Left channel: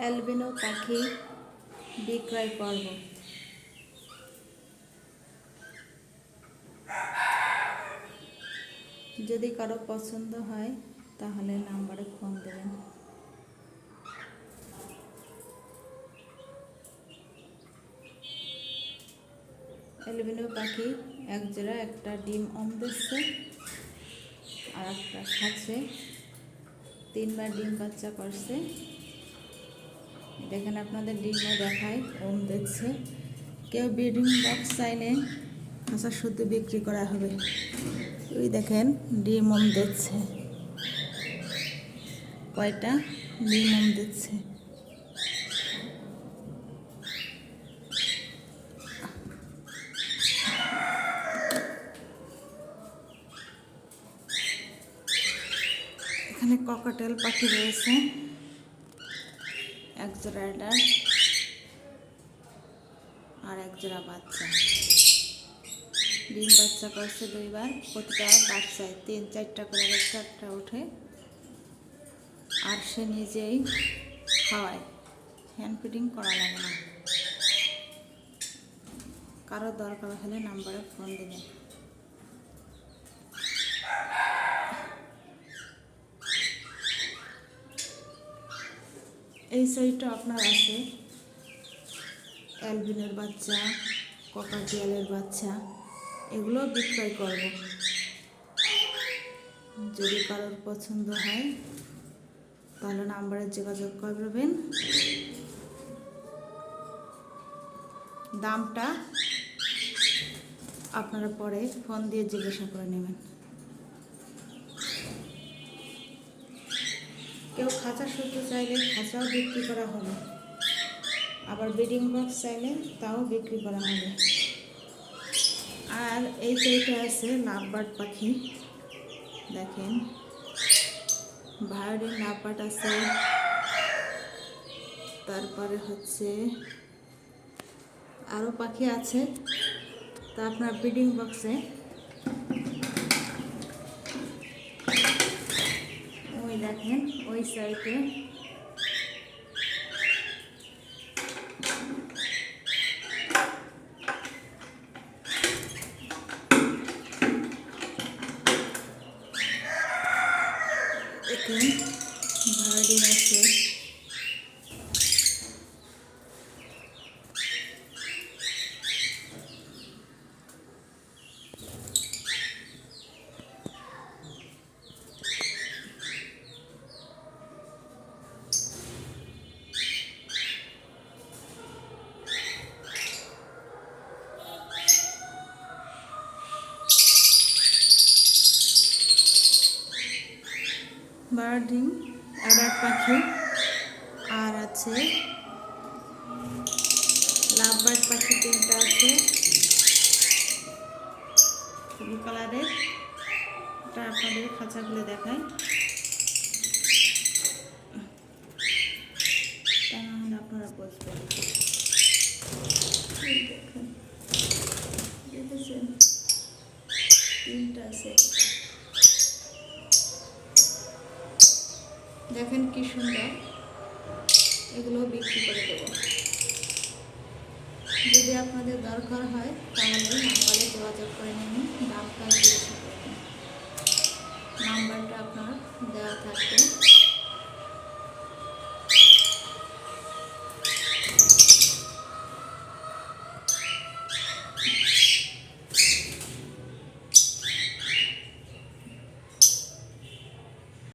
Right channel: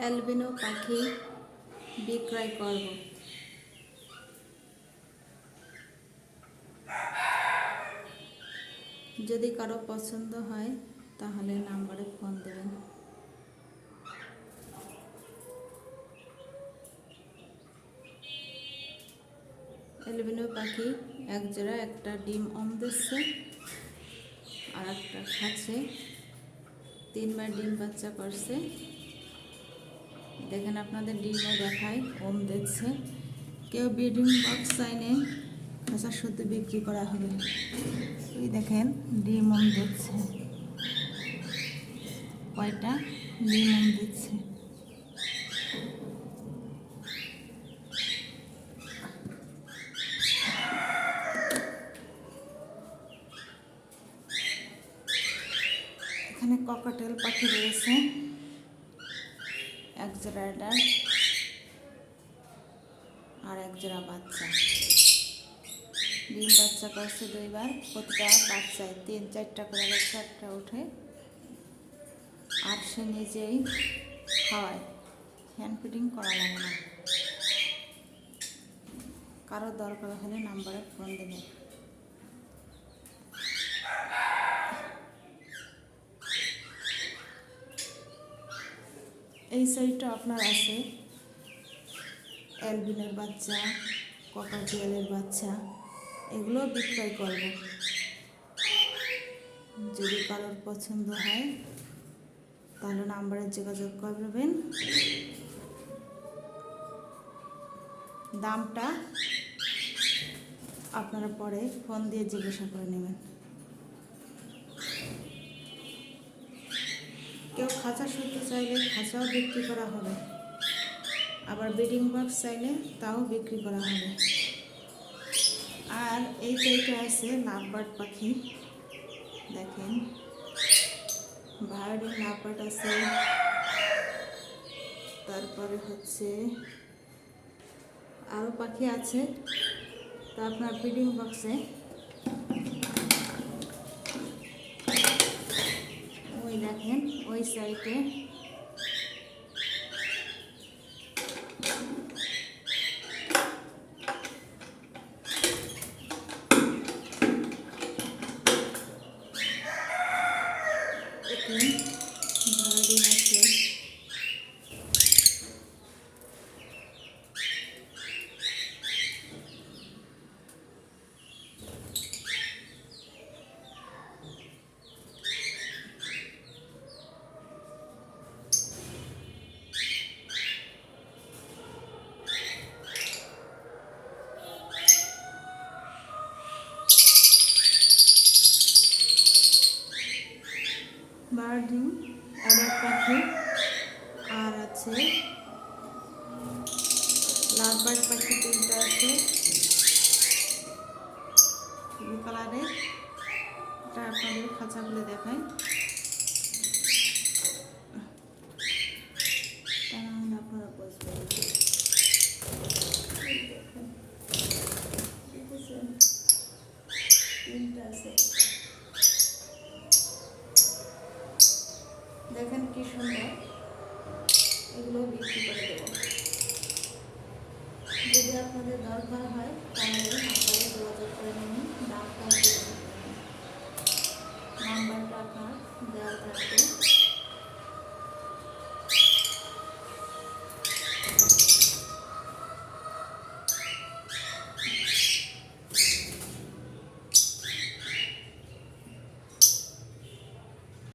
Albino পাখি বিক্রয় করব। যদি কারো পছন্দ হয় তাহলে নাম্বারে ফোন দেবেন। অ্যালবিনো পাখি এক জোড়া, একটা ডিম দিচ্ছে আর একটা খাচ্ছে। 3বার ডিম বাচ্চা করছে। দেখেন আপনাদের ডিমও দেখায়, দিচ্ছে। কেউ ব্রিডিং বক্স চাইলে খাঁচা শুদ্ধ বিক্রি করা হবে। ওই দেখেন ডিম দিচ্ছে, কয়টা ডিম দিচ্ছে। এখানে ককাটেল পাখি রয়েছে, এক জোড়া অ্যাডাল্ট আর এক জোড়া বাচ্চা। ডিম বাচ্চা করছে 2বার, প্রতিটা বাচ্চায় 3-4টা করে একটা ওঠে। আর সে নিজেই খাওয়ায়, হ্যান্ড ফিডিং করা লাগে না। কারো দরকার হলে নাম্বারে ফোন দেবেন। এই সাইডটা আপনার আছে অ্যালবিনোর বাচ্চা, ককাটিয়ালের বাচ্চা, এগুলো বিক্রয় করব। যদি কারোর পছন্দ হয় তাহলে নাম্বারে যোগাযোগ করবেন। দামটা আপনারা পরে ফোন দিয়ে জিজ্ঞাসা করে নেবেন। কেউ খাঁচা শুদ্ধ চাইলে খাঁচাও বিক্রি করা হবে, আবার ব্রিডিং বক্স চাইলে তাও বিক্রি করা হবে। আর এই সাইডে আছে লাভবার্ড পাখি, দেখেন ভায়োলিন লাভবার্ড আছে। তারপরে হচ্ছে আরও পাখি আছে। তা আপনার ব্রিডিং বক্সে ওই দেখেন ওই সাইডে এখানে ভায়োলিন আছে। বার্ডিং অ্যাডাল্ট পাখি আর আছে লাভবার্ড পাখি 3টা আছে ব্লু কালারের। এটা আপনাদের খাঁচাগুলো দেখায়, তা না হলে আপনারা বুঝবেন। দেখেন 3টা আছে, দেখেন কি সুন্দর। এগুলো বিক্রি করে দেবো। যদি আপনাদের দরকার হয় তাহলে নাম্বারে যোগাযোগ করে নেবেন। দামটা জিজ্ঞাসা করবেন, নাম্বারটা আপনার দেওয়া থাকবে।